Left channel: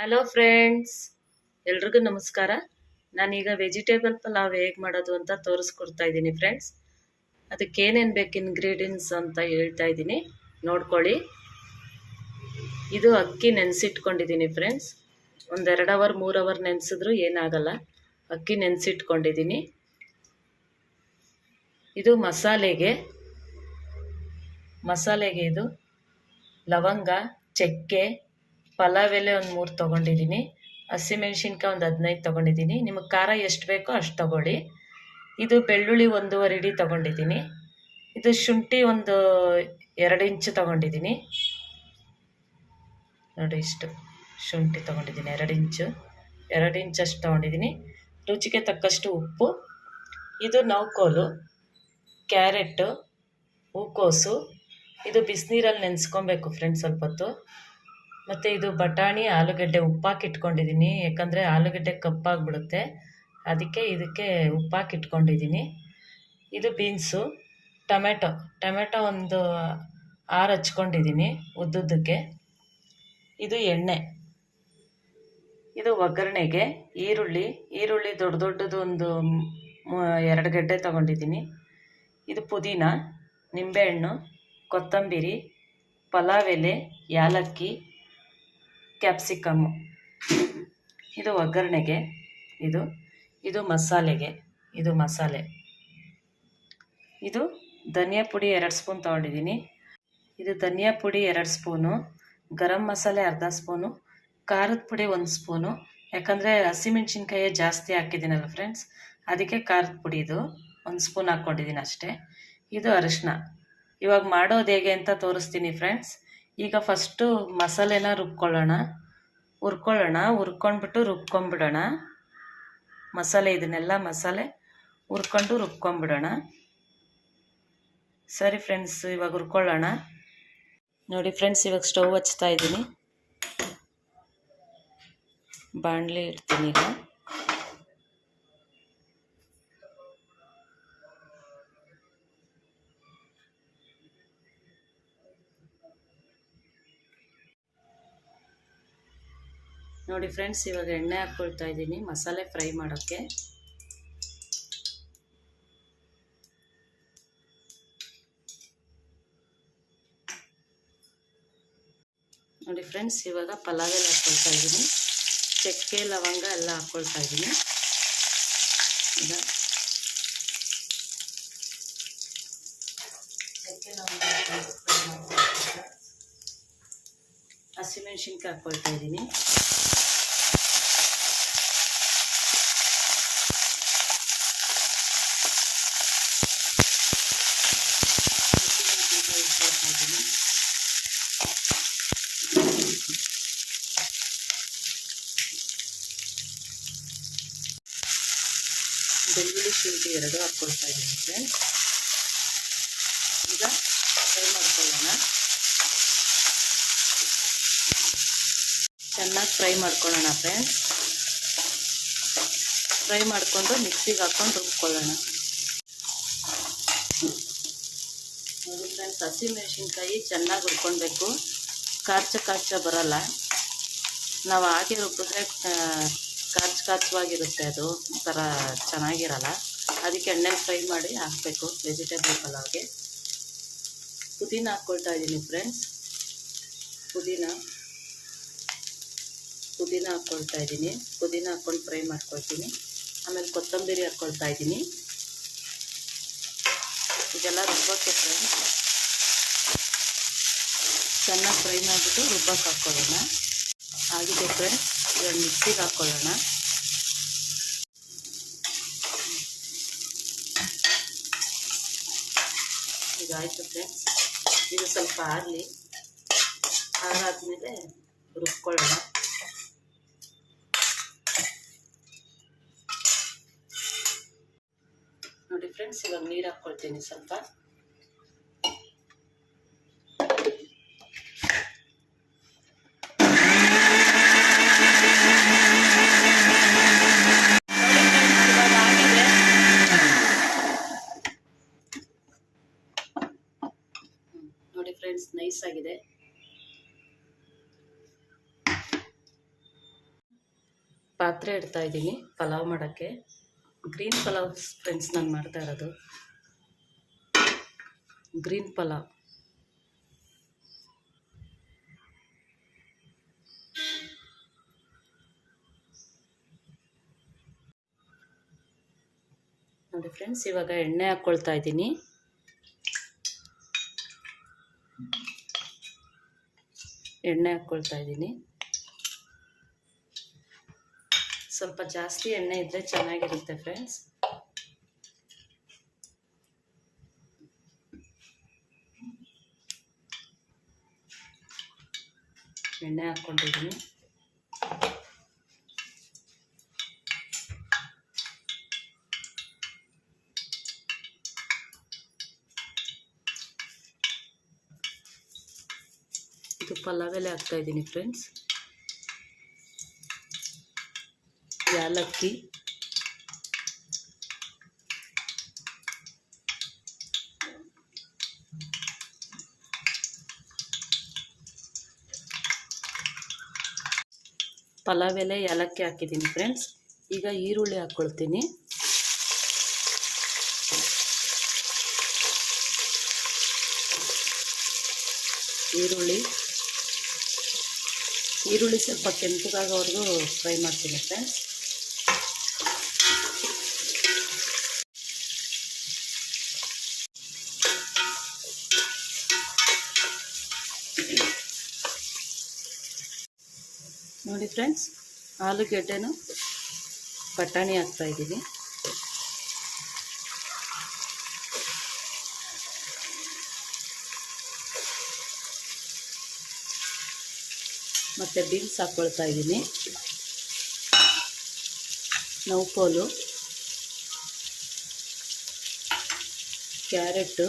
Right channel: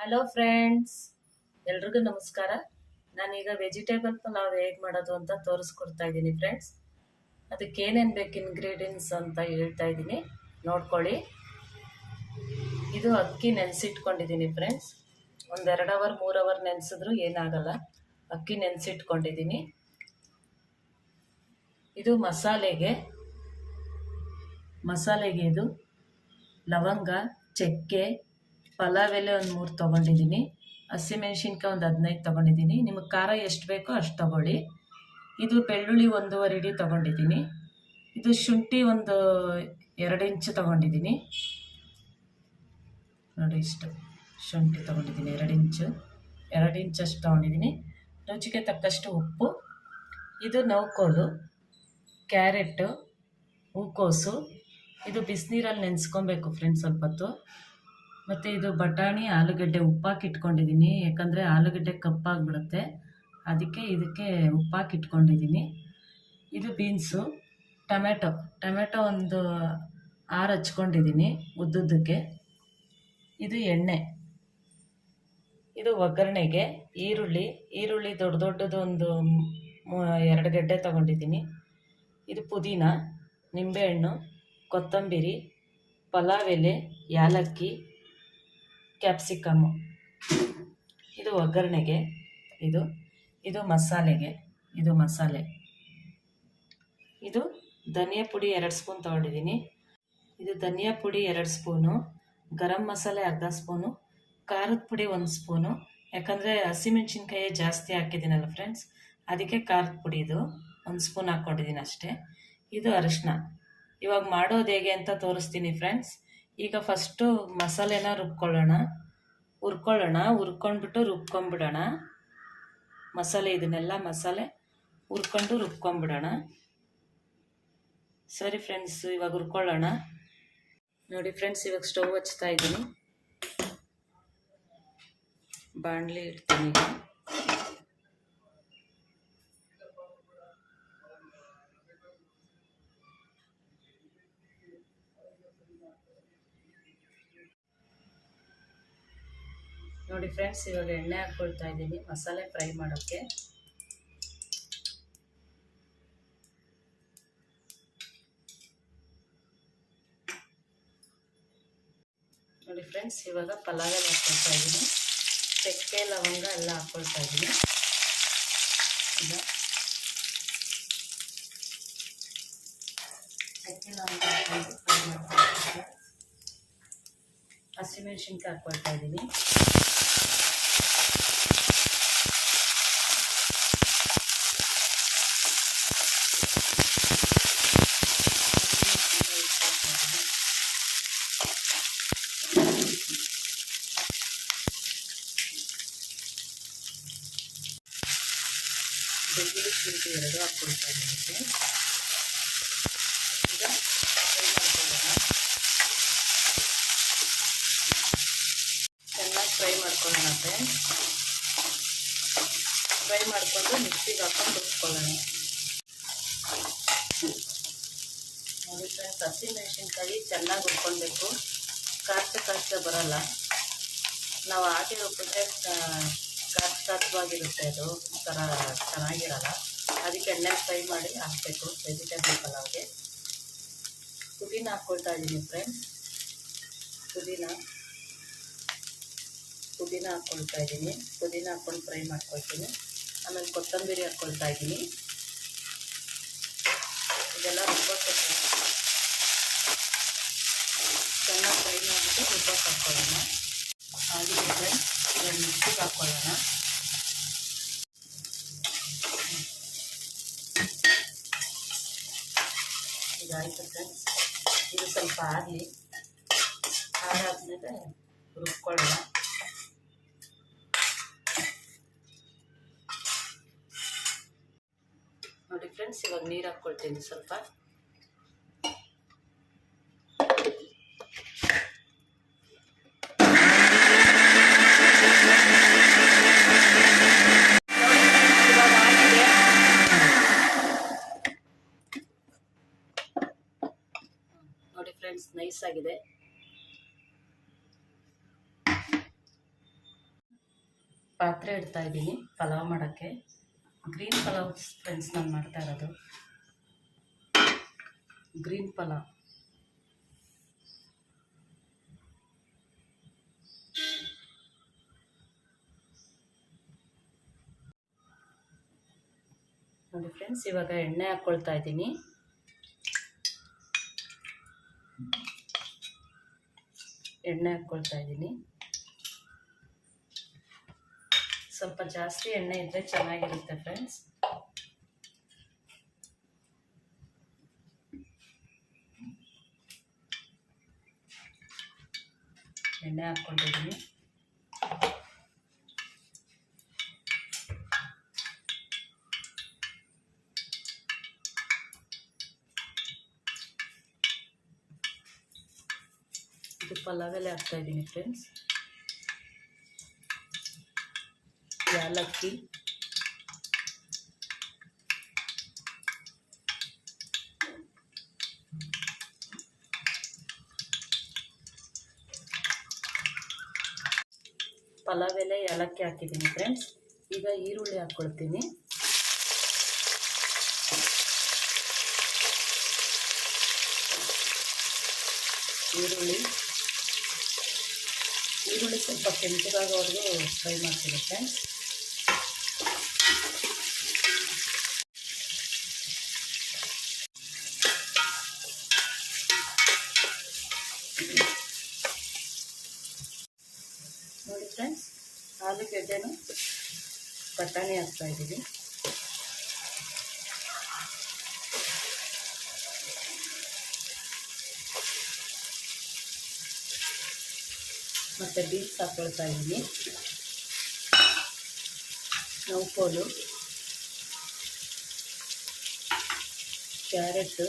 Hello friends ಎಲ್ರಿಗೂ ನಮಸ್ಕಾರ. ನಾನೀಗ ವೆಜಿಟೇಬಲ್ ಪಲಾವ್ ಹೇಗೆ ಮಾಡೋದು ಅಂತ ತೋರಿಸ್ಕೊಡ್ತಾ ಇದ್ದೀನಿ ಫ್ರೆಂಡ್ಸ್ ಅದಕ್ಕೆ ಏನೇನು ಬೇಕು ಇನ್ಗ್ರೀಡಿಯೆಂಟ್ಸ್ ಅಂತ ಹೇಳ್ತಾ ಇದ್ದೀನಿ. ನೋಡ್ಕೊಳ್ಳಿ. ಇದು ಅಕ್ಕಿ ನೆನೆಸಿಟ್ಕೊಂಡಿದ್ದೀನಿ ಫ್ರೆಂಡ್ಸ್ ಒಂದೆರಡು ಅವರ್ ಮೂರು ಅವರ್ ನೆನೆಸಿದ್ರು ಏನಾಗಲ್ಲ. ಅಕ್ಕಿ ನೆನೆಸಿಟ್ಕೊಂಡಿದ್ದೀನಿ. ಇದು ಮಸಾಲೆಗೆ ಮಸಾಲೆಗೆ ಇದು ಲವಂಗ, ಚಕ್ಕೆ ಪಲಾವ್ ಎಲೆ ಒಂದು ಮೂರು ತೊಗೊಂಡಿದ್ದೀನಿ ಹಸಿಮೆಣ್ಸಿನ್ಕಾಯಿ ಒಂದು ಹದಿನೈದು ತೊಗೊಂಡಿದ್ದೀನಿ ನಿಮಗೆ ಖಾರ ಎಷ್ಟು ಬೇಕೋ ಅಷ್ಟು ತೊಗೊಳ್ಳಿ. ಇದು ಬೆಳ್ಳುಳ್ಳಿ ಒಂದೂವರೆ ಇಡಿ ತೊಗೊಂಡಿದ್ದೀನಿ ಇದು ಶುಂಠಿ ಒಂದು ಎರಡು ಇಂಚು ತೊಗೊಂಡಿದ್ದೀನಿ ನೋಡಿ ಇಷ್ಟು ಶುಂಠಿ ತೊಗೊಂಡಿದ್ದೀನಿ ಎರಡು ಇಂಚು. ಎರಡು ಇಂಚಷ್ಟು ತೊಗೊಂಡಿದ್ದೀನಿ ರುಚಿಗೆ ತಕ್ಕಷ್ಟು ಉಪ್ಪು. ಇದು ನೌಕೋಲು ಕ್ಯಾರೆಟು, ಹೂಕೋಸು. ಇದು ಬಿಸಿನೀರಲ್ಲಿ ನೆನೆಸ್ಕೊಬೇಕು ಫ್ರೆಂಡ್ಸ್, ಸ್ವಲ್ಪ ಹೊತ್ತು. ಮತ್ತು ಇದು ಬಟಾಣಿ, ಆಲೂಗಡ್ಡೆ ಉಪ್ಪಾಕಿ ಇಟ್ಕೊಂಡಿದ್ದೀನಿ. ಯಾಕಂದರೆ ಆಲೂಗಡ್ಡೆ ಕಪ್ಪಾಗಿಬಿಡುತ್ತೆ. ಅದಕ್ಕೆ ಇದಕ್ಕೆ ಉಪ್ಪಾಕಿ ಇಟ್ಕೊಂಡಿದ್ದೀನಿ. ಇದು ಬೀನ್ಸು ಟೊಮೆಟೊ ಟೊಮೆಟೊ ಒಂದು ಆರು ಹಚ್ಕೊಂಡಿದ್ದೀನಿ ಉದ್ದುದ್ದಕ್ಕೆ. ಇದು ಎಣ್ಣೆ. ಇದು ಒಗ್ಗರಣೆಗೆ ಈರುಳ್ಳಿ. ಈರುಳ್ಳಿ ದೊಡ್ಡ ದೊಡ್ಡದು ಒಂದು ಎರಡು ಗಡ್ಡೆ ತೊಗೊಂಡಿದ್ದೀನಿ. ಇದು ಪುದೀನ, ನಿಂಬೆಹಣ್ಣು, ಕೊತ್ತಂಬರಿ, ಪಲಾವ್ ಎಲೆ, ಯಾಲಕ್ಕಿ ಕ್ಯಾಪ್ಸಿಕಮ್ಮು. ಇದು ಒಗ್ಗರಣೆಗೆ, ಇದು ಇದು ಮಸಾಲೆಗೆ, ಇದು ಮಸಾಲೆ. ಇದು ಧನಿಯಾ ಪುಡಿ ಎರಡು ಸ್ಪೂನ್ ತೊಗೊಂಡಿದ್ದೀನಿ. ಇದು ಧನಿಯಾ ಪುಡಿ ಎರಡು ಸ್ಪೂನು, ಗರಂ ಮಸಾಲೆ ಅರ್ಧ ಸ್ಪೂನು, ಖಾರದ ಪುಡಿ ಒಂದು ಸ್ಪೂನು. ಯಾಕಂದರೆ ಹಸಿಮೆಣ್ಸಿನ್ಕಾಯಿ ಜಾಸ್ತಿ ಹಾಕಿದ್ದೀನಲ್ಲ ಫ್ರೆಂಡ್ಸ್, ಅದಕ್ಕೆ ಖಾರದ ಪುಡಿ ಇದು ಒಂದು ಸ್ಪೂನ್ ಹಾಕ್ಕೊಂಡಿದ್ದೀನಿ ಅಷ್ಟೇ. ಇದು ಅರಿಶಿನ ಇವಾಗ ಮಾಡೋದು ಹೇಗೆ ಅಂತ ತೋರಿಸ್ತೀನಿ ಫ್ರೆಂಡ್ಸ್. ಈಗ ಫಸ್ಟು ಮಸಾಲೆನ ರುಬ್ಕೊಳ್ಳೋಣ. ಹುರ್ಕೊಳ್ಳೋಣ, ಹುರ್ಕೊಂಡ್ಬಿಟ್ಟು ರುಬ್ಕೊಂಬಿಡೋಣ ಮಸಾಲೆ ಇದನ್ನೆಲ್ಲ ಮಸಾಲೆ ಹುರ್ಕೊಂಡು ರುಬ್ಕೊಂಬಿಡೋಣ ಸರಿ ಫ್ರೆಂಡ್ಸ್ ಇವಾಗ ಹುರ್ಕೊಳ್ಳೋಣ. ನೋಡಿ ಫ್ರೆಂಡ್ಸ್ ಇವಾಗ ಸ್ಟವ್ ಹಚ್ತಾ ಇದ್ದೀನಿ. ಬಾಣಲಿ ಇಡ್ತೀನಿ ಈಗ. ನೋಡಿ ಫ್ರೆಂಡ್ಸ್, ಇವಾಗ ಎಣ್ಣೆ ಹಾಕ್ಕೊಳ್ತಾ ಇದ್ದೀನಿ. ಮಸಾಲೆ ಫ್ರೈ ಮಾಡೋಕ್ಕೆ. ನೋಡಿ ಫ್ರೆಂಡ್ಸ್, ಇವಾಗ ಪಲಾವ್ ಎಲ್ಲ ಹಾಕ್ಕೊಳ್ತಾ ಇದ್ದೀನಿ. ಚಕ್ಕೆ, ಲವಂಗ ಎಲ್ಲ ಹಾಕ್ಕೊಳ್ತಾ ಇದ್ದೀನಿ. ಈಗ ಚಕ್ಕೆ. ಹಸಿಮೆಣ್ಸಿನ್ಕಾಯಿ ಹಾಕ್ಕೊಳ್ತಾ ಇದ್ದೀನಿ ಹಸಿಮೆಣ್ಸಿನ್ಕಾಯಿ ಹಾಕ್ಕೊಳ್ತಾ ಇದ್ದೀನಿ ಬೆಳ್ಳುಳ್ಳಿ ಶುಂಠಿ ಎರಡು ಹಾಕ್ಕೊಳ್ತಾ ಇದ್ದೀನಿ. ಈಗ ಫ್ರೈ ಮಾಡ್ಕೊಳ್ಳೋಣ. ಚೆನ್ನಾಗಿ ಫ್ರೈ ಮಾಡ್ಕೊಳ್ಳೋಣ ಫ್ರೆಂಡ್ಸ್. ಫ್ರೈ ಮಾಡಿಕೊಂಡು ಮಿಕ್ಸಿಗೆ ಹಾಕ್ಕೊಂಡು ರುಬ್ಕೊಳ್ಳೋಣ. ನೋಡಿ ಫ್ರೆಂಡ್ಸ್ ಹಸಿಮೆಣಸಿನ್ಕಾಯಿ ಚೆನ್ನಾಗಿ ರುಬ್ಕೊಳ್ಬೇಕು. ಕಾರ್ಚ ಕಾರ್ಚ ಬರಲ್ಲ. ನಾವು ಹಾಗೆ ರುಬ್ಬಿದ್ರೆ ಕಾಚ್ ಕಾಚವಾಗಿರುತ್ತೆ ಅದು. ಒಂಥರ ಚೆನ್ನಾಗಿರಲ್ಲ. ಅದಕ್ಕೆ ಎಣ್ಣೆ ಫ್ರೈ ಮಾಡಿ ಹಾಕಬೇಕು ವೆಜಿಟೇಬಲ್ ಪಲಾವ್ಗೆ. ಪುದೀನ ಹಾಕ್ಕೊಳ್ತಾ ಇದ್ದೀನಿ ಫ್ರೆಂಡ್ಸ್ ಪುದೀನ. ಪುದೀನ ಹಾಕ್ಕೊಳ್ತಾ ಇದ್ದೀನಿ. ಪುದೀನ ಹಾಕ್ಕೊಂಡು ಫ್ರೈ ಮಾಡ್ಕೊಳ್ತೀನಿ. ಆಮೇಲೆ ಕೊತ್ತಂಬರಿ ಹಾಕ್ಕೊಳ್ತಾ ಇದ್ದೀನಿ. ಇದೆಲ್ಲ ರುಬ್ಬಕ್ಕೆ ಫ್ರೆಂಡ್ಸ್ ಚೆನ್ನಾಗಿ ಫ್ರೈ ಮಾಡಿಬಿಟ್ಟು ರುಬ್ಬಕ್ಕೆ ಹಾಕ್ಕೊಳ್ಳೋಣ. ಆಗಿದೆ ಫ್ರೆಂಡ್ಸ್ ಇದನ್ನು ಮಿಕ್ಸಿಗೆ ಹಾಕ್ಕೊಳ್ಳೋಣ. ಆಯಿತು ಫ್ರೆಂಡ್ಸ್ ಇದು ಸ್ವಲ್ಪ ಆಗಲಿ. ಆರಾದ್ಮೇಲೆ ರುಬ್ಕೊಳ್ಳೋಣ. ನೋಡಿ ಫ್ರೆಂಡ್ಸ್ ಇವಾಗ ನೀರು ಹಾಕ್ಕೊಳ್ತೀನಿ ಸ್ವಲ್ಪ ಇವಾಗ ಆಗಿದೆ ನೋಡಿ ಫ್ರೆಂಡ್ಸ್ ನೈಸ್ ಆಗಿದೆ. ಪಾತ್ರೆ ಇಡ್ತಾ ಇದ್ದೀನಿ ಪಲಾವ್ ಮಾಡೋಕ್ಕೆ. ಗ್ರೀನ್ ಪಲಾವ್ ಫ್ರೆಂಡ್ಸ್ ನಾನು ಮಾಡ್ತಾ ಇರೋದು. ಗ್ರೀನ್ ಪಲಾವ್. ನೋಡಿ ಫ್ರೆಂಡ್ಸ್ ಇವಾಗ ಎಣ್ಣೆ ಹಾಕ್ಕೊಳ್ತಾ ಇದ್ದೀನಿ. ಎಣ್ಣೆ ಹಾಕ್ಕೊಳ್ತಾ ಇದ್ದೀನಿ. ಸ್ವಲ್ಪ ಜಾಸ್ತಿ ಎಣ್ಣೆ ಇದ್ದರೆ ಚೆನ್ನಾಗಿರುತ್ತೆ ಫ್ರೆಂಡ್ಸ್ ಎಣ್ಣೆ ಹಾಕ್ಕೊಂಡಿದ್ದೀನಿ. ಇದು ಪಲಾವ್ ಎಲೆ ಹಾಕ್ತಾ ಇದ್ದೀನಿ ಫ್ರೆಂಡ್ಸ್ ಯಾಲಕ್ಕಿ. ಪಲಾವ್ ಎಲೆ ಏಲಕ್ಕಿ ಹಾಕಿದ್ದೀನಿ ಫ್ರೆಂಡ್ಸ್ ಈಗ ಈರುಳ್ಳಿ ಹಾಕ್ಕೊಳ್ತೀನಿ ಈರುಳ್ಳಿ. ಈರುಳ್ಳಿ ಸ್ವಲ್ಪ ಕೆಂಪಗಾಗೋವರೆಗೂ ಫ್ರೈ ಮಾಡ್ತೀನಿ ಫ್ರೆಂಡ್ಸ್. ನೋಡಿ ಫ್ರೆಂಡ್ಸ್ ಆಲೂಗೆಡ್ಡೆನೂ ಬಟಾಣಿ ಹಾಕ್ತಾ ಮತ್ತು ಬೀನ್ಸ್ ಹಾಕ್ಕೊಳ್ತಾ ಇದ್ದೀನಿ. ನೌಕೋಲು ಕ್ಯಾರೆಟು,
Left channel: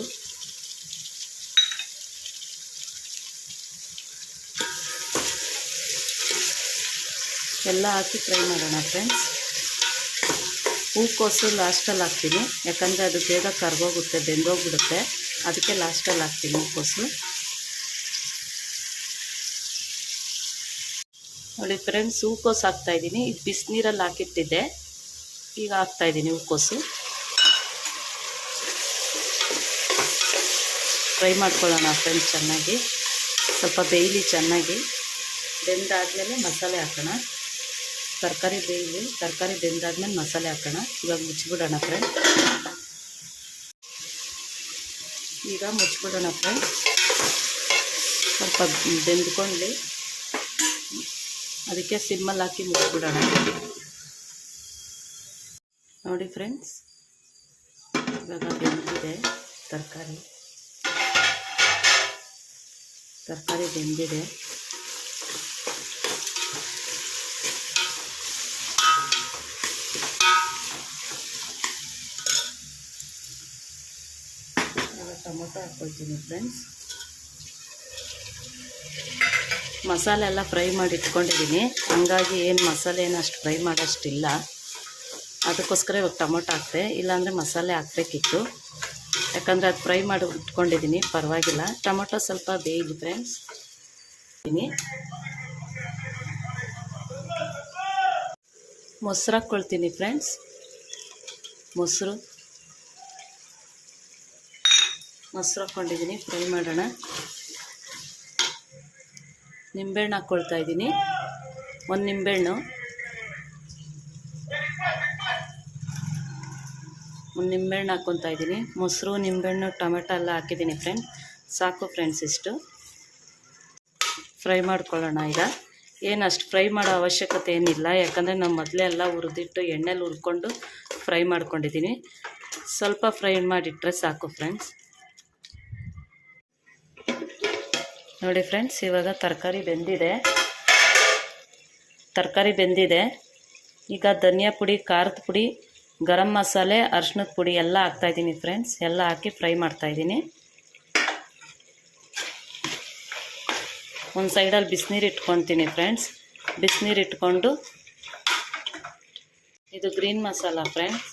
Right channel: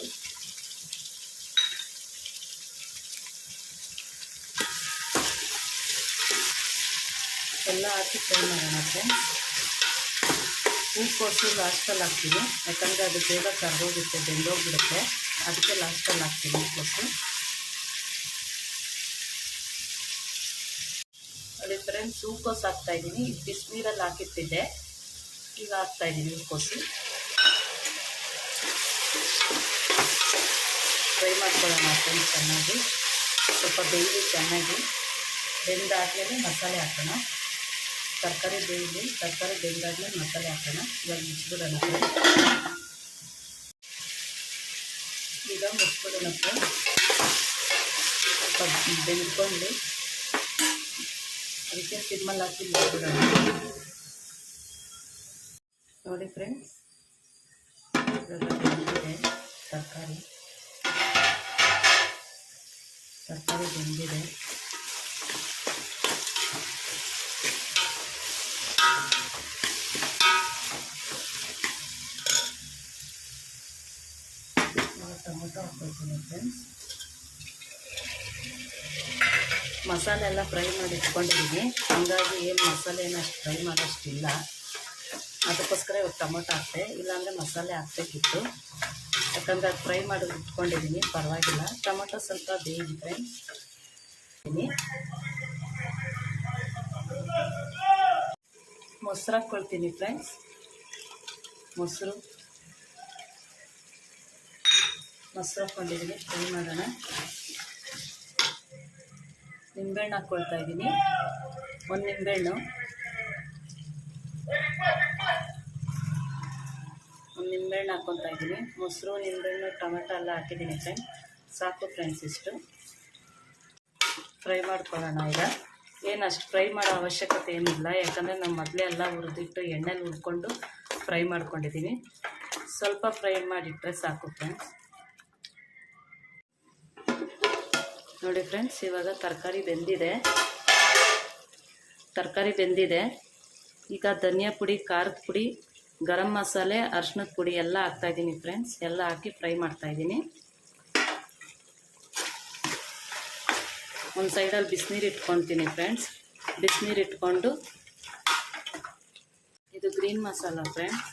ಎಲ್ಲ ಹಾಕಿ ಫ್ರೈ ಮಾಡೋಣ ಫ್ರೆಂಡ್ಸ್. ಹೂಕೋಸು ಲಾಸ್ಟಲ್ಲಿ ಹಾಕ್ತೀನಿ. ಯಾಕಂದರೆ ಅದು ಬೇಗ ಕರ್ಗೋಗುತ್ತೆ, ಬೆಂದೋಗ್ಬಿಡುತ್ತೆ. ಅದಕ್ಕೆ ಲಾಸ್ಟಲ್ಲಿ ಹಾಕ್ತೀನಿ ಹೂಕೋಸು. ನೋಡಿ ಫ್ರೆಂಡ್ಸ್ ಹೂಕೋಸು ಹಾಕ್ತಾ ಇದ್ದೀನಿ. ಇದು ಬಿಸಿನೀರಲ್ಲಿ ಹಾಕಿಟ್ಟಿದ್ದೆ. ಈಗ ಹಾಕ್ತಾ ಇದ್ದೀನಿ ಹೂಕೋಸು ಫ್ರೈ ಮಾಡ್ಕೊಳ್ಳೋಣ ಫ್ರೆಂಡ್ಸ್ ಚೆನ್ನಾಗಿ. ಸ್ವಲ್ಪ ಬೇಯಲಿ ಚೆನ್ನಾಗಿ. ಬೆಂದಾದ್ಮೇಲೆ ಮಸಾಲೆ ಹಾಕೋಣ. ತರಕಾರಿ ಬೇಯಲಿ ತರಕಾರಿ ಬೆಂದಾದ್ಮೇಲೆ ಮಸಾಲೆ ಹಾಕೋಣ. ಇವಾಗ ಮುಚ್ಚಿಬಿಡೋಣ ಫ್ರೆಂಡ್ಸ್ ಈಗ ಮುಚ್ಚಿಬಿಡೋಣ ಫ್ರೆಂಡ್ಸ್ ಸ್ವಲ್ಪ ಬೆಂದ್ಕೊಳ್ಳಿ ಅದಕ್ಕೆ ಸಿಮ್ಮಲ್ಲಿ ಹಾಕಿ ಮುಚ್ಚಿಬಿಡೋಣ ನೋಡಿ ಫ್ರೆಂಡ್ಸ್ ಇವಾಗ ಬೆಂದಿದೆ ತರಕಾರಿ. ತರಕಾರಿ ಬೆಂದಿದೆ. ಇವಾಗ ಟೊಮೊಟೊ ಹಾಕ್ಕೊಳ್ತೀನಿ ಫ್ರೆಂಡ್ಸ್ ಮಸಾಲೆ ಎಲ್ಲ ಫ್ರೈ ಮಾಡಿ ಇಟ್ಕೊಂಡಿದ್ದೀನಿ. ಹಂಗಾಗಿ ಏನು ಮಸಾಲೆ ಏನು ಅಷ್ಟು ಫ್ರೈ ಮಾಡೋಷ್ಟಿಲ್ಲ. ಅದಕ್ಕೋಸ್ಕರ ಇವಾಗ ಟೊಮೊಟೊ ಹಾಕ್ತೆ. ಇಲ್ಲಾಂದರೆ ಮಸಾಲೆ ಹಾಕ್ಬೇಕಿತ್ತು. ಯಾಕಂದರೆ ಅದು ಫ್ರೈ ಮಾಡಿ ಇಟ್ಕೊಂಡಿದ್ದೀನಿ. ಪರವಾಗಿಲ್ಲ. ಟೊಮೊಟೊ ಸ್ವಲ್ಪ ಬೇಯಿದೆ ಫ್ರೆಂಡ್ಸ್. ಮೊಸರು ಹಾಕ್ಕೊಳ್ತೀನಿ ಫ್ರೆಂಡ್ಸ್. ಮೊಸರು. ಮೊಸರು ಹಾಕ್ಕೊಂಡಿದ್ದೀನಿ. ಫ್ರೈ ಮಾಡೋಣ. ನಿಂಬೆಹಣ್ಣು ಹಾಕ್ಕೊಳ್ತಾ ಇದ್ದೀನಿ. ಒಂದು ನಿಂಬೆಹಣ್ಣು. ಒಂದು ನಿಂಬೆಹಣ್ಣು ಹಾಕ್ಕೊತಾ ಇದ್ದೀನಿ. ಮೊಸರು, ನಿಂಬೆಹಣ್ಣು, ಟೊಮೆಟೊ ಎಲ್ಲ ಹಾಕಿದ್ದೀನಿ ಫ್ರೆಂಡ್ ಸಾಕು ಫ್ರೆಂಡ್ಸ್ ಇಷ್ಟು. ಫ್ರೈ ಮಾಡ್ಕೊಳ್ಳೋಣ ಈಗ. ಏನು ಅಷ್ಟು ಫ್ರೈ ಮಾಡೋ ಅವಶ್ಯಕತೆ ಏನಿಲ್ಲ. ಯಾಕಂದರೆ ನಾನು ಮೊದಲೇ ಎಲ್ಲ ಹುರಿದಿಟ್ಟು ಎಣ್ಣೆಲಿ ಹುರ್ಕೊಂಡು ಫ್ರೈ ಮಾಡ್ಕೊಂಡಿದ್ದೀನಿ. ಸ್ವಲ್ಪ ಫ್ರೈ ಮಾಡಿಟ್ರೆ ಸಾಕು ಫ್ರೆಂಡ್ಸ್ ನೋಡಿ ಫ್ರೆಂಡ್ಸ್, ಇವಾಗ ತರಕಾರಿ ಬೆಂದಿದೆ. ತರಕಾರಿ ಬೆಂದಿದೆ. ಈಗ ಧನಿಯಾ ಪುಡಿ, ಖಾರದ ಪುಡಿ, ಗರಂ ಮಸಾಲೆ ಅರ್ಶಿನದ ಪುಡಿ ಎಲ್ಲ ಹಾಕ್ತಾಯಿದ್ದೀನಿ ಫ್ರೆಂಡ್ಸ್. ಎಲ್ಲ ಹಾಕಿ ಫ್ರೈ ಮಾಡ್ತಾಯಿದ್ದೀನಿ ಒಂದು ಸೈಡಲ್ಲಿ ಬಿಸಿನೀರು ಇಟ್ಕೊತೀನಿ ಫ್ರೆಂಡ್ಸ್. ಬಿಸಿನೀರು ಇಟ್ಕೊಂಡು ಇದು ಗ್ರೀನ್ ಮಸಾಲ ಫ್ರೆಂಡ್ಸ್.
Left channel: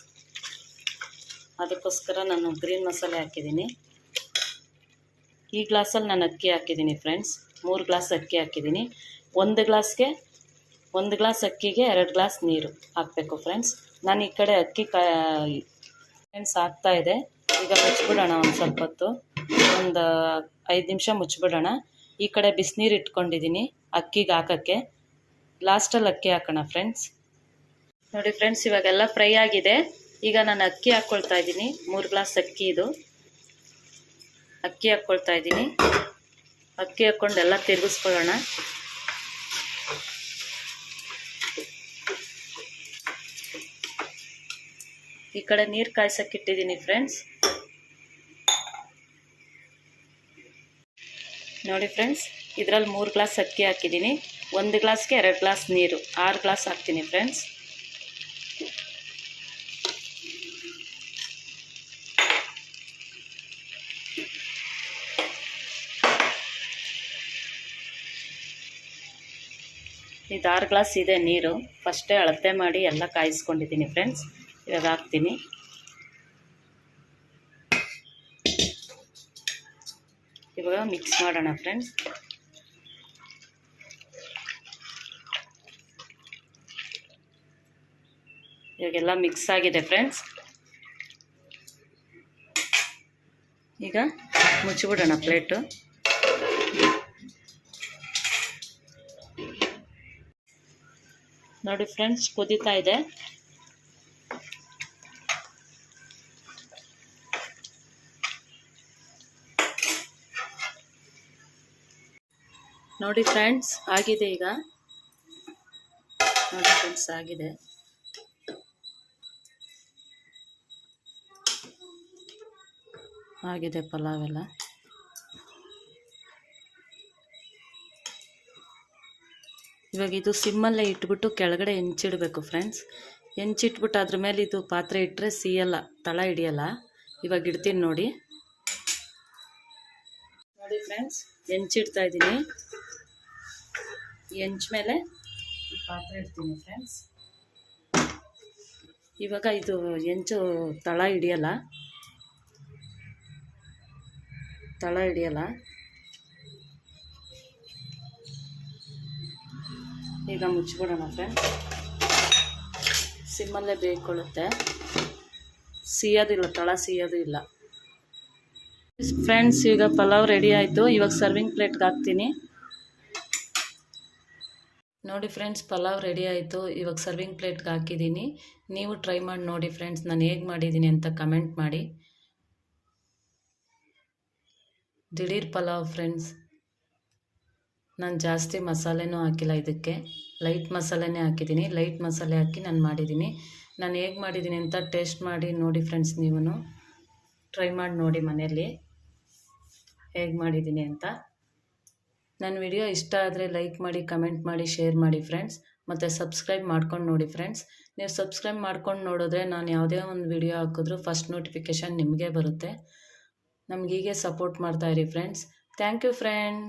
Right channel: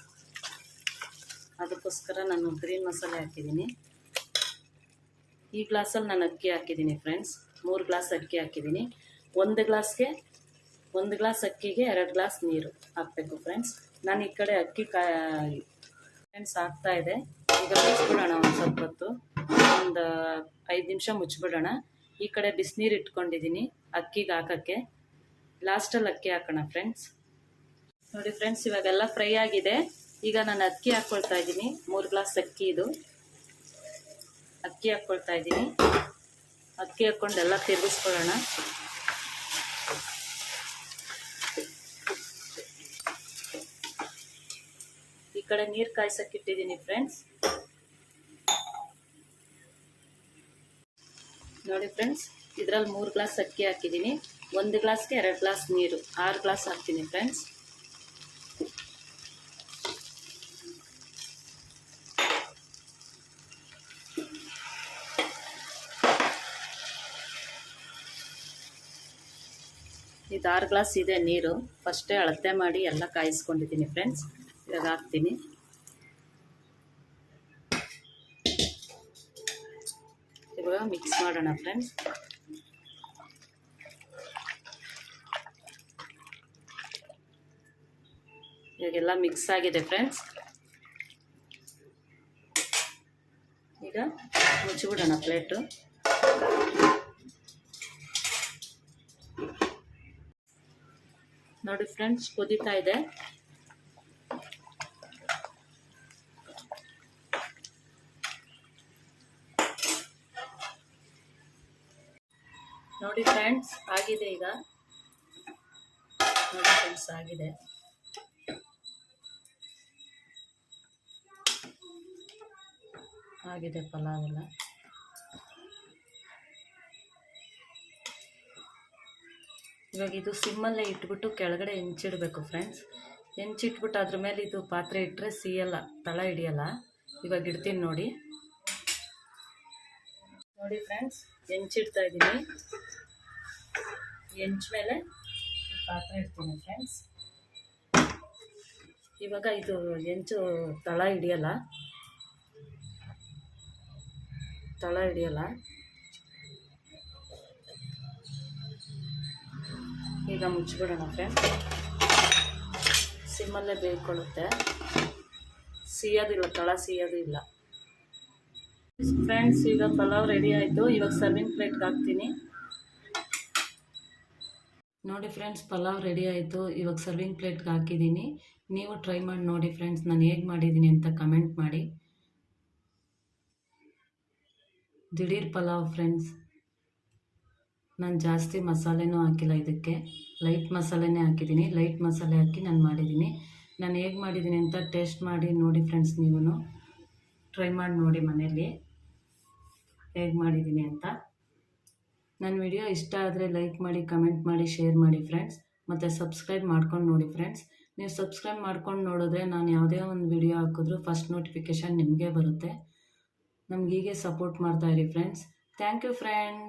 ಅದಕ್ಕೋಸ್ಕರ ನಾನು ಗ್ರೀನ್ ಮಸಾಲೆ ಹಾಕಿದ್ದೀನಿ. ಈ ಗ್ಲಾಸಲ್ಲಿ ನಾನು ಅಕ್ಕಿ ಹಾಕಿದ್ದೀನಿ ಫ್ರೆಂಡ್ಸ್ ಮೂರು ಗ್ಲಾಸ್ ಅಕ್ಕಿ ಹಾಕಿದ್ದೀನಿ. ಒಂದು ಗ್ಲಾಸ್ಗೆ, ಒಂದು ಗ್ಲಾಸ್ ಅಕ್ಕಿಗೆ ಎರಡು ಗ್ಲಾಸ್ ನೀರು ಹಾಕಬೇಕು ಫ್ರೆಂಡ್ಸ್ ನಾನು ಈ ಕಡೆ ಅಕ್ಕಿ ಫ್ರೆಂಡ್ಸ್ ಹಾಕ್ತಾ ಇದೆ. ಈಗ ಮುಚ್ಚಿಬಿಡೋಣ ಒಂದು ಸ್ವಲ್ಪ ಹೊತ್ತು. ಒಂದು ಐದು ನಿಮಿಷ ಮುಚ್ಚಿಬಿಡೋಣ ಈ ಕಡೆ ಬಿಸಿನೀರು ಇಟ್ಕೊಂಡಿದ್ದೀನಿ ಅಕ್ಕಿಗೆ ಹಾಕೋಕ್ಕೆ. ಲಾಸ್ಟಲ್ಲಿ ಅಕ್ಕಿ ಹಾಕೋಣ ಫ್ರೆಂಡ್ಸ್ ನೋಡಿ ಫ್ರೆಂಡ್ಸ್ ಇವಾಗೆಲ್ಲ ಫ್ರೈ ಆಗಿದೆ. ಈಗ ನಾನು ಅಕ್ಕಿ ಹಾಕ್ಕೊಳ್ತಾ ಇದ್ದೀನಿ. ಮೂರು ಗ್ಲಾಸ್ ಅಕ್ಕಿ ಇದು. ಅಕ್ಕಿ ಹಾಕ್ಕೊಳ್ತಾ ಇದ್ದೀನಿ. ಅಕ್ಕಿ ಹಾಕ್ಕೊಂಡು ಎಲ್ಲ ತಿರುಗಿಸ್ಕೊಳ್ಳೋಣ. ಈ ಕಡೆ ನೀರು ಕಾಯ್ಸಕ್ಕೆ ಇಟ್ಟಿದ್ದೀನಿ ಫ್ರೆಂಡ್ಸ್ ನೋಡಿ ಫ್ರೆಂಡ್ಸ್ ಇದರಲ್ಲಿ ಮೂರು ಗ್ಲಾಸ್ ಅಕ್ಕಿ ಹಾಕಿದ್ದೀನಿ. ಒಂದು ಗ್ಲಾಸ್ಗೆ ಎರಡು ಗ್ಲಾಸ್ ನೀರು, ಆರು ಗ್ಲಾಸ್ ಹಾಕ್ತೀನಿ ಫ್ರೆಂಡ್ಸ್ ಇದು ಆರು ಗ್ಲಾಸ್ ಇದೆ ನೀರು. ಫಸ್ಟೇ ಅಳತೆ ಮಾಡಿ ಎಲ್ಲ ಕಾಯಿಸ್ಕೊಂಡಿದ್ದೀನಿ ಫ್ರೆಂಡ್ಸ್. ಇವಾಗ ಹಾಕ್ತೀನಿ. ಇವಾಗ ಮಿಕ್ಸ್ ಮಾಡೋಣ ಫ್ರೆಂಡ್ಸ್. ಇವಾಗೆಲ್ಲ ಮಿಕ್ಸ್ ಆಗಿದೆ ಫ್ರೆಂಡ್ಸ್. ಈಗ ಮುಚ್ಚಿಬಿಡೋಣ ಪ್ಲೇಟು. ನೋಡಿ ಫ್ರೆಂಡ್ಸ್ ಕುದೀತಾ ಇದೆ. ನೋಡಿ ಫ್ರೆಂಡ್ಸ್ ಆಗಿದೆ ಈಗ. ನೋಡಿ ಫ್ರೆಂಡ್ಸ್ ಆಗಿದೆ. ಆಗಿದೆ ಪಲಾವ್ ಎಲ್ಲ. ಇವಾಗ ಇದು ಸಿಮ್ಮಲ್ಲೇ ಇಟ್ಬಿಟ್ಟು ಕೆಳಗಡೆ ಹೆಂಚಿಡಬೇಕು ಫ್ರೆಂಡ್ಸ್ ಹೆಂಚಿಟ್ಬಿಟ್ಟು ಅದ್ರ ಮೇಲೆ ಇದು ಪಾತ್ರೆ ಇಟ್ಟರೆ ಸೀಯಲ್ಲ, ತಳ ಹಿಡಿಯಲ್ಲ. ಇವಾಗ ಇಡ್ತೀನಿ ನೋಡಿ. ನೋಡಿ ಫ್ರೆಂಡ್ಸ್ ಹೆಂಚಿಡ್ತಾ ಇದ್ದೀನಿ. ಹೆಂಚ ಮೇಲೆ ಪಾತ್ರೆ ಇಡ್ತೀನಿ ಫ್ರೆಂಡ್ಸ್ ಇವಾಗ ಇದು ಹೆಂಚು ತಳ ಹಿಡಿಯಲ್ಲ. ತಳ ಹಿಡಿಯಲ್ಲ. ಈಗ ಮುಚ್ಚಿಬಿಡೋಣ ಫ್ರೆಂಡ್ ಸಿಮ್ಮಲ್ಲೇ ಬೇಯ್ಕೊಳ್ಳುತ್ತೆ ಸಿಯೋದಿಲ್ಲ ತಳ ಸಿಯೋದು ಇಲ್ಲ. ಫ್ರೆಂಡ್ಸ್ ಈಗ ಪಲಾವ್ ರೆಡಿ ಆಯಿತು. ಇವಾಗ ಸರ್ವಿಂಗ್ ಪ್ಲೇಟ್ಗೆ ಹಾಕ್ತೀನಿ. ನೋಡಿ ಫ್ರೆಂಡ್ಸ್ ಪಲಾವ್ ರೆಡಿ ಆಯಿತು. ಇವಾಗ ಸರ್ವಿಂಗ್ ಪ್ಲೇಟ್ಗೆ ಹಾಕಿದ್ದೀನಿ. ನೀವು ಟ್ರೈ ಮಾಡಿ ನೋಡಿ ಫ್ರೆಂಡ್ಸ್ ನಾನು ಹೇಗೆ ಮಾಡಿದ್ದೀನಿ ಅಂತ ಕಮೆಂಟ್ ಮಾಡಿ. ದಿಢೀರ್ ಪಲಾವ್ ಫ್ರೆಂಡ್ಸ್ ನಾನು ಜಾಸ್ತಿ ಮಸಾಲೆನೂ ಹಾಕಿಲ್ಲ ಇದಕ್ಕೆ. ಲೈಟ್ ಮಸಾಲೆನೇ ಹಾಕಿದ್ದೀನಿ. ಲೈಟ್ ಮಸಾಲೆ ಹಾಕಿ ನಾನು ಮಾಡಿದ್ದೀನಿ. ನಾನು ಹೇಗೆ ಮಾಡಿದ್ದೀನಿ ಅಂತ ಟೇಸ್ಟ್ ಮಾಡಿ ನೋಡಿ ಫ್ರೆಂಡ್ಸ್ ನೀವು ಟ್ರೈ ಮಾಡಿ ನೋಡಿ ಮನೆಯಲ್ಲಿ. ಹೇಗೆ ಮಾಡಿದ್ದೀನಿ ಅಂತ. ನನ್ನ ವಿಡಿಯೋ ಇಷ್ಟ ಆದರೆ ಲೈಕ್ ಮಾಡಿ ಕಮೆಂಟ್ ಮಾಡಿ ಶೇರ್ ಮಾಡಿ ಫ್ರೆಂಡ್ಸ್ ಮತ್ತು ಸಬ್ಸ್ಕ್ರೈಬ್ ಮಾಡ್ಕೊಂಡು ನೋಡಿ ಫ್ರೆಂಡ್ಸ್ ನೀವು ಸಬ್ಸ್ಕ್ರೈಬ್ ಮಾಡ್ಕೊಂಡು ನೋಡಿದ್ರೆ ನಾನು ಯಾವುದೇ ಒಂದು ವಿಡಿಯೋ ಹಾಕಿದ್ರೂ ಫಸ್ಟ್ ನೋಟಿಫಿಕೇಷನ್ ನಿಮಗೆ ಬರುತ್ತೆ. ನಮಗೀಗೆ ಸಪೋರ್ಟ್ ಮಾಡ್ತಾಯಿರಿ ಫ್ರೆಂಡ್ಸ್ ಥ್ಯಾಂಕ್ ಯು ಫ್ರೆಂಡ್